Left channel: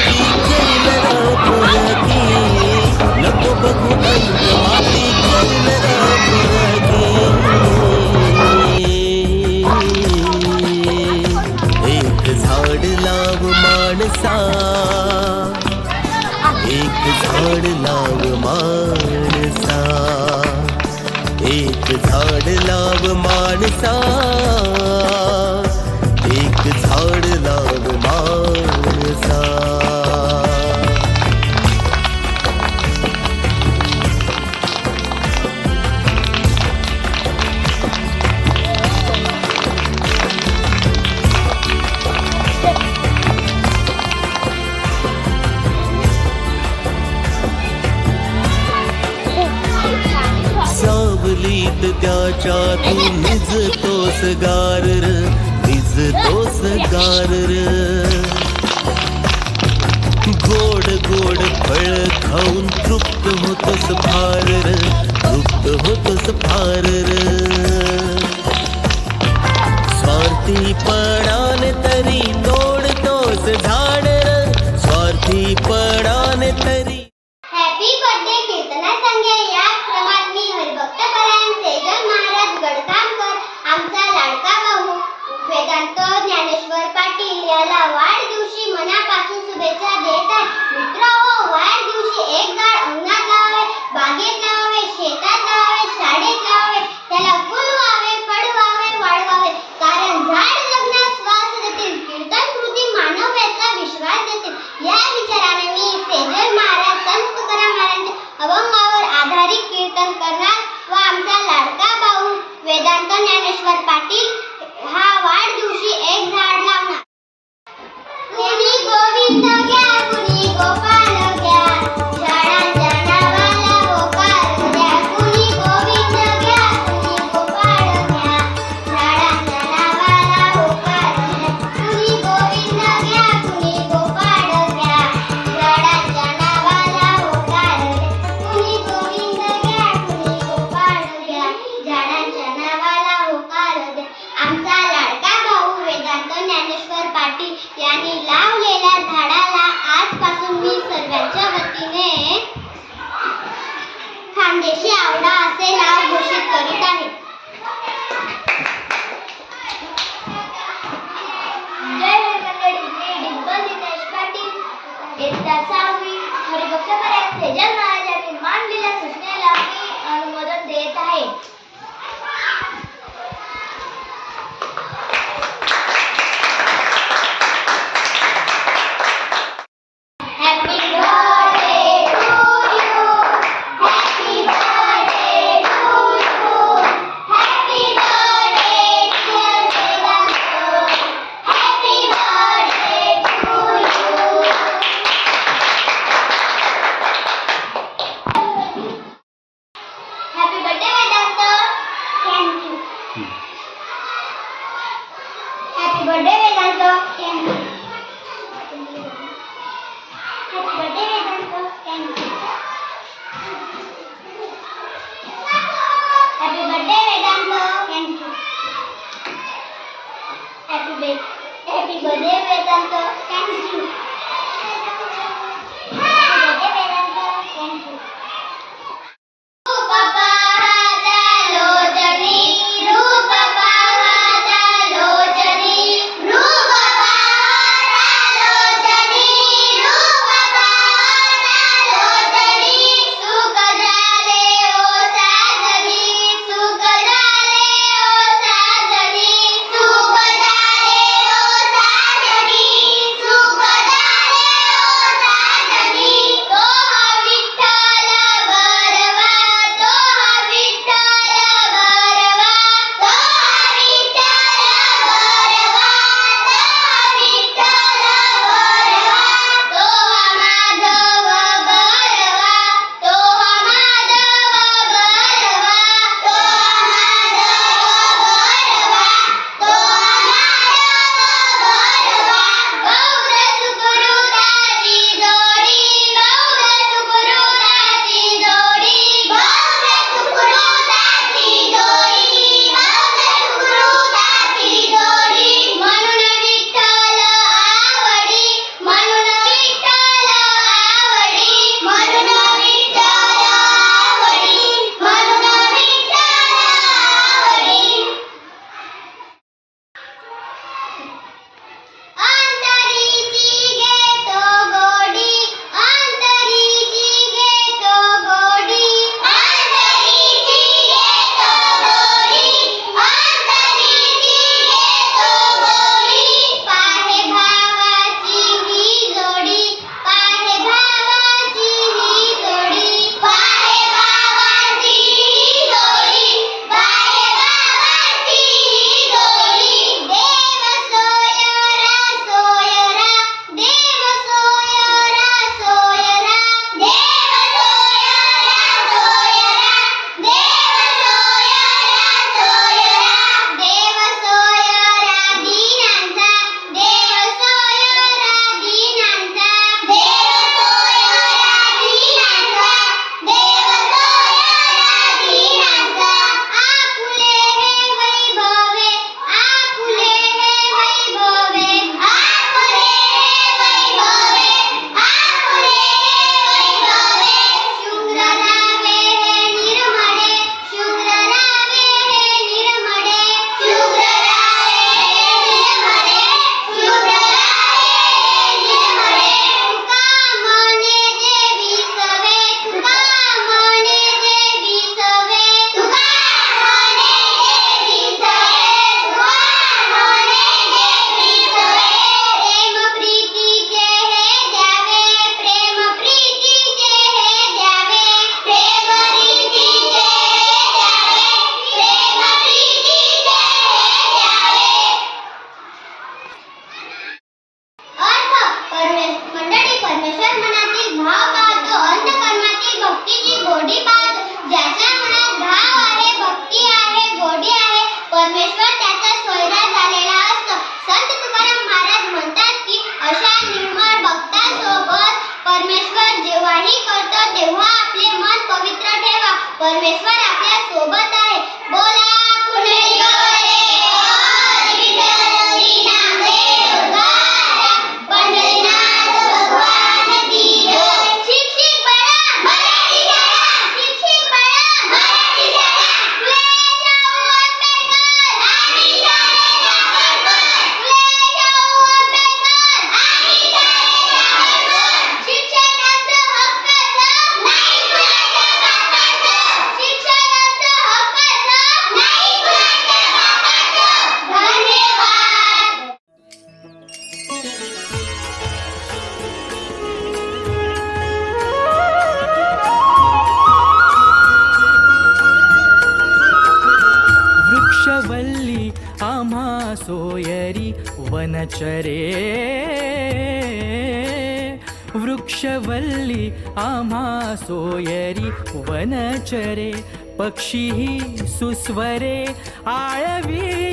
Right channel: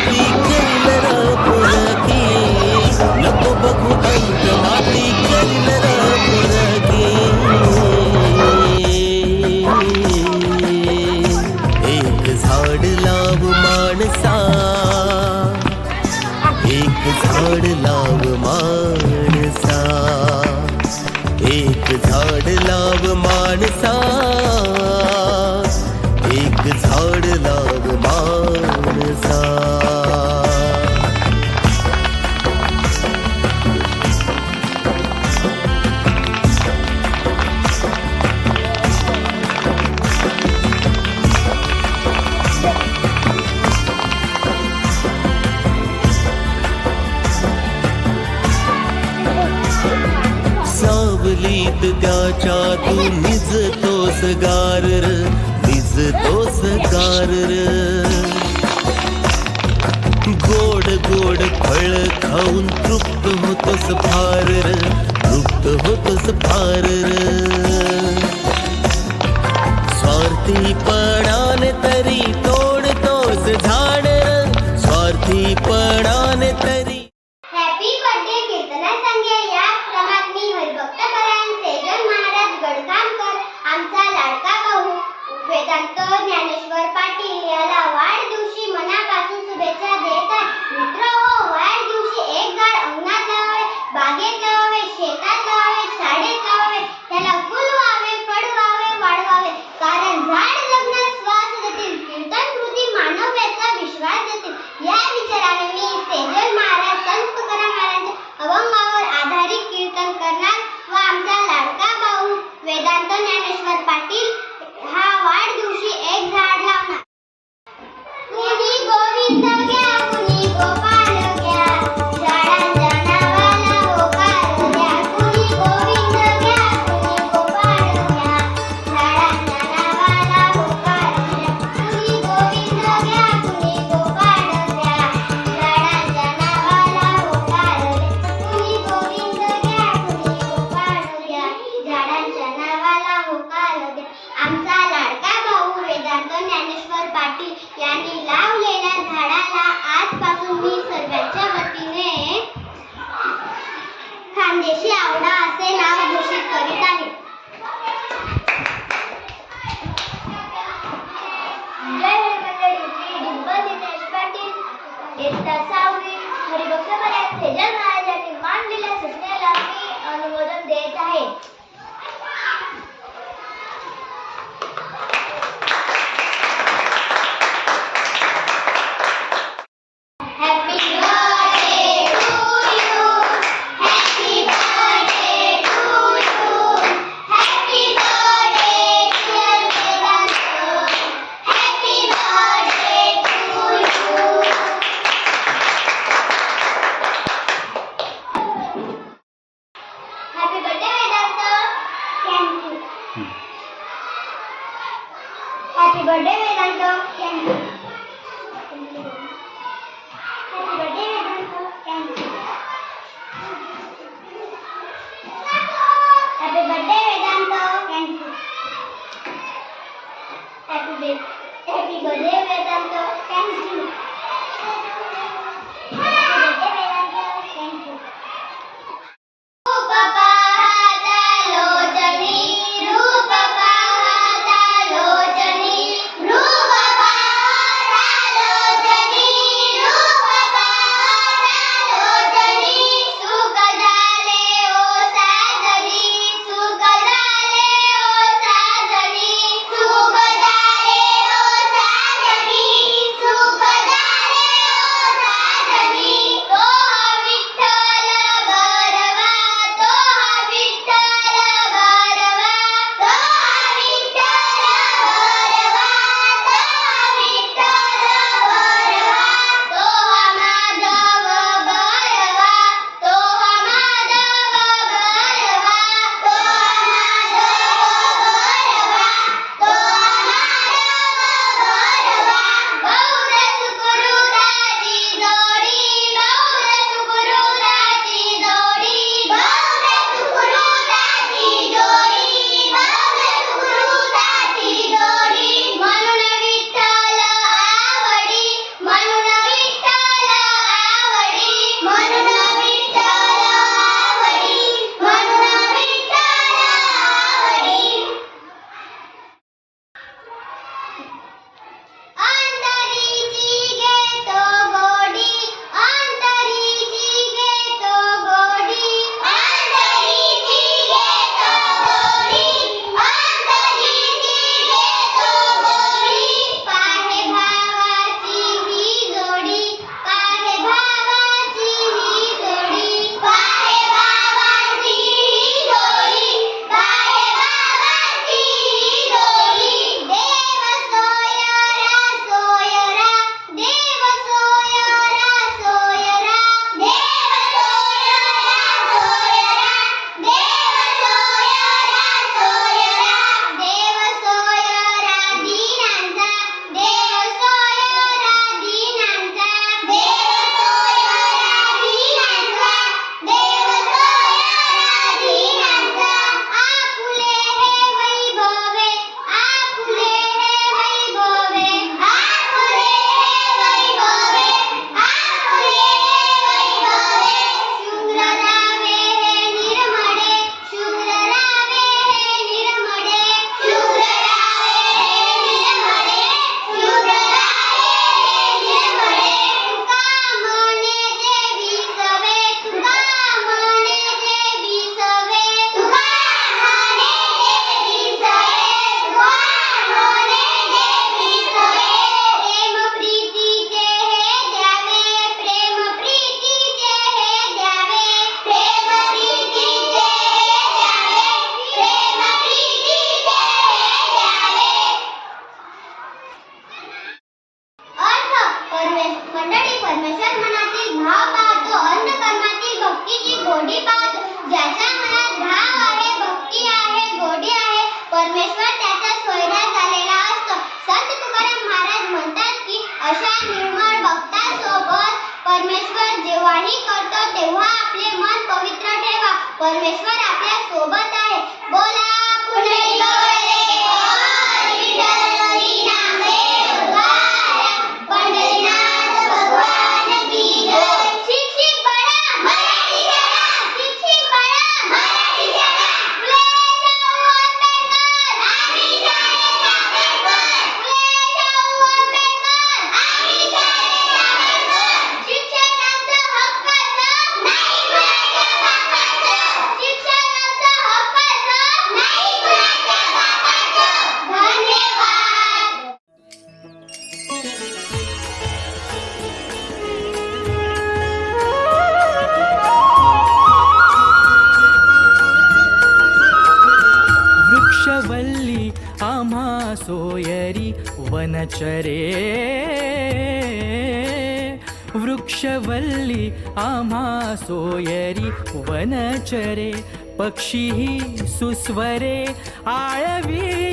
ಮಾತಿಗಳಿಲ್ಲದ ಪುರಕಿ ನಪ್ಪೊಬ್ಬಗೂ ಅಂತ ಮಾತಿಗಳಿಲ್ಲದ ಪುರಕಿ एक झाड लाव माणसा एक झाड लाव माणसा एक झाड लाव माणसा एक झाड लाव बारसा सावलीत त्याच्या तू निजतोस गार दोसगार गोड गोड फळ खाऊन तृप्त होतोस फार र. तृप्त होतोस फार र. स्वार्थीपणाने तरी तोडतोस झाड स्वार्थी पड़ान तरी आमचा लाडका भाऊ. वेदांत ज्ञानेश्वर पाटील याला वाढदिवशी मनापासून शुभेच्छा देतात खानदेशी आवडा असे नाव घोषित करीत परमेश्वर मनातील भाव पाहतो अंधकर्मातील भक्तीची गोडी पाहतो ज्याच्या मनात भाव आहे भक्ती आहे गोडी आहे परमेश्वर त्याचा सोयरा झालेला असतो संत तुकाराम महाराज म्हणतात की अशा निर्मळ भक्ता सोबत परमेश्वर जेव्हाही करतो तेव्हा आपले मन पवित्र ठेवा परमेश्वर आपल्यासोबत आहे बोला पुणे हल्ली आम्हा सोयरी वनचरे वृक्षवल्ली आम्हा सोयरी वनचरे पक्षी सुस्वरे आळवी